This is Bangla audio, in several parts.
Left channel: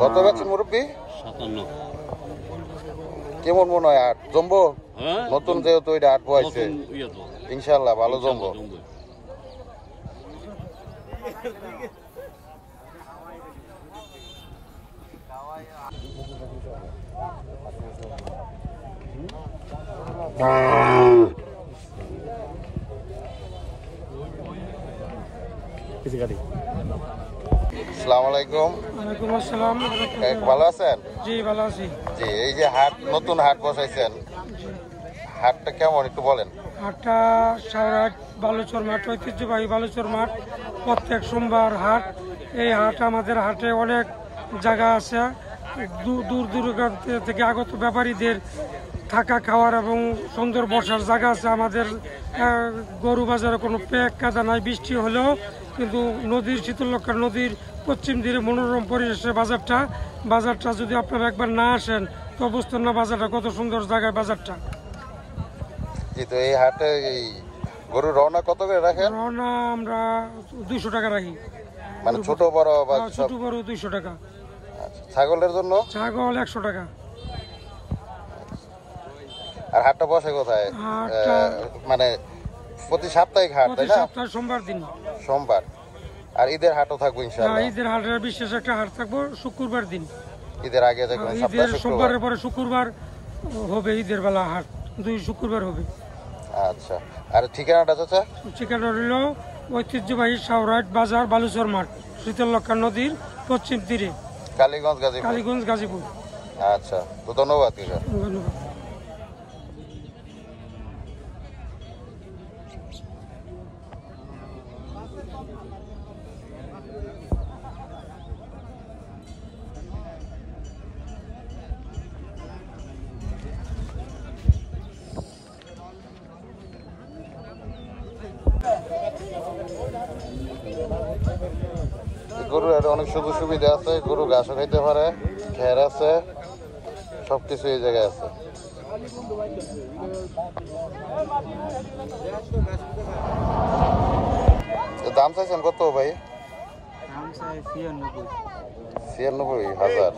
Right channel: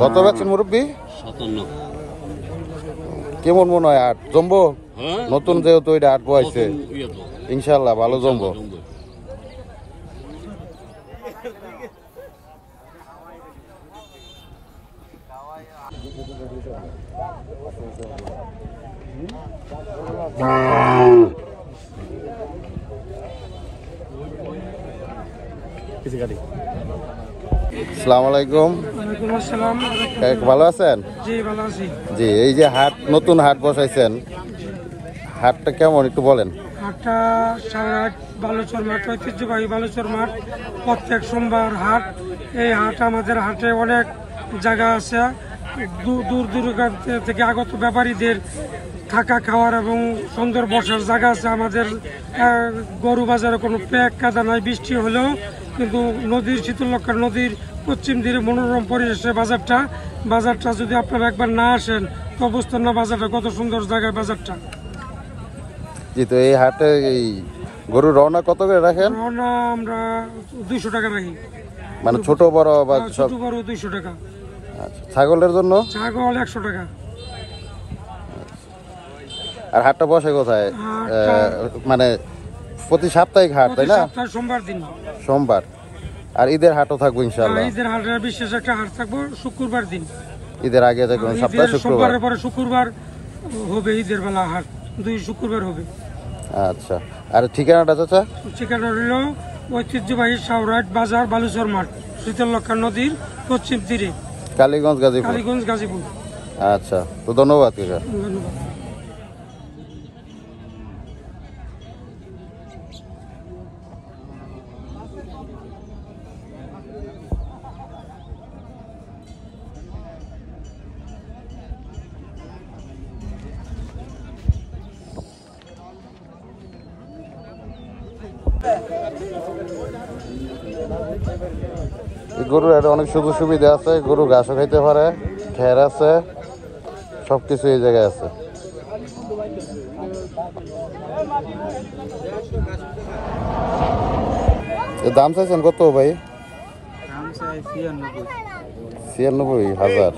কত পাচ্ছেন মুরব্বী? 57। কেমন মনে হয় হাট জমবো? নতুন যেহেতু এটা হাট বয়াইছে, ইনশাল্লাহ ভালো জমবো। আসসালামু আলাইকুম। ওয়ালাইকুম আসসালাম। ভালো আছেন? জি ভালো আছি। জি, এই যে হাট নতুন হাট বসাইছেন, হাটটা কেমন একটু বলেন। হাটটা সারাট বালুচর মাঠ, ঐতিহ্যবাহী বালুচর মাঠ, প্রত্যেক সোমবার হাট। এই হাট আমাদের হাটে অনেক জায়গা আছে, দূর দূরান্ত থেকে আগত ব্যাপারীদের থাকা খাওয়ার এবং সুন্দর বসার জায়গা আছে। আমাদের গরু বাজারে কোনো প্যাক কাদা নয়, বৃষ্টি হলেও কিন্তু নদীর শীতলক্ষা নদীর পশ্চিম তীরে মনোরম পরিবেশে বাজারটা যদি আপনারা একবার না আসেন তো বুঝতেন না বাজারটা কত সুন্দর জায়গায় বাজারটা। জি, তো এই হাটে এই গরু রওনা কত করে রাখেন? রওনা আমরা 200 টাকা রাখি, মানে ছোট বড় বা ছোট বড় 200 টাকা। আচ্ছা, ছাগলের জন্য? ছাগল 100 টাকা। আর হাটটা বসে কোথায়? মানে প্রতি সাপ্তাহিক হাট, তাই না? সোমবার দিন, সোমবার। আর ঈদের হাটও থাকবো ইনশাআল্লাহ? ঈদের হাটে বিশেষ একটা হাট থাকবো শুক্রবার দিন। ঈদের আগে থাকবে সপ্তাহে শুক্রবার? পরে শুক্রবার হবে ঈদের বেলা হাট, 2 শুক্রবার হবে। আচ্ছা, আর ঠিকানাটা চাচা? ঠিকানা হল ঐতিহ্যবাহী সাউরাট বাজার, বালুচর মাঠ, শীতলক্ষা নদীর পশ্চিম তীরে, কালীগঞ্জ গাজীপুর। আচ্ছা, তো ধন্যবাদ কাকা। ধন্যবাদ। গরুর একটা অনেক সুযোগ সুবিধা আছে, গরু ঘাসও খাইতে পারে, খের আছে, সবকিছু এই জায়গায় আছে। দাম চাইছেন কত ভাই? 96,000।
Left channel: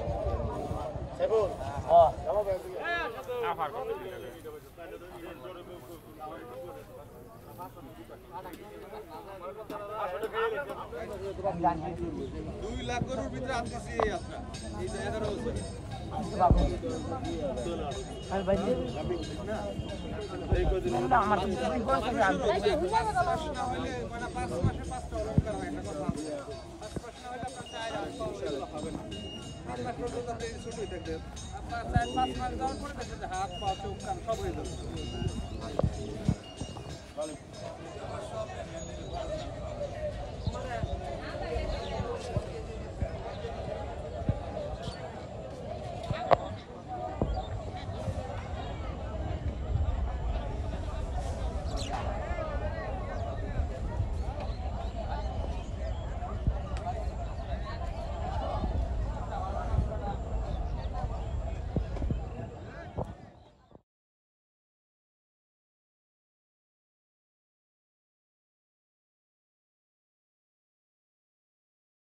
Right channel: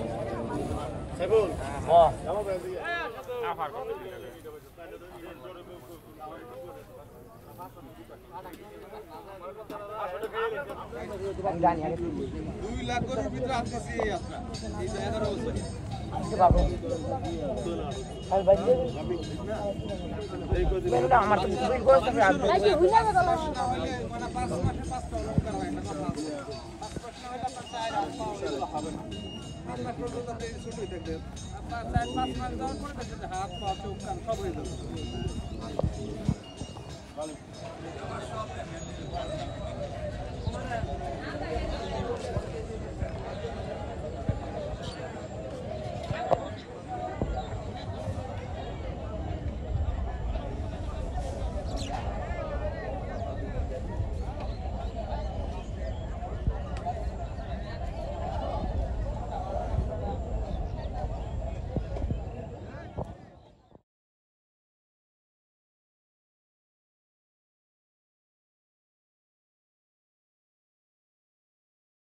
হাত পা চোখ কান সব হয়ে যাবে।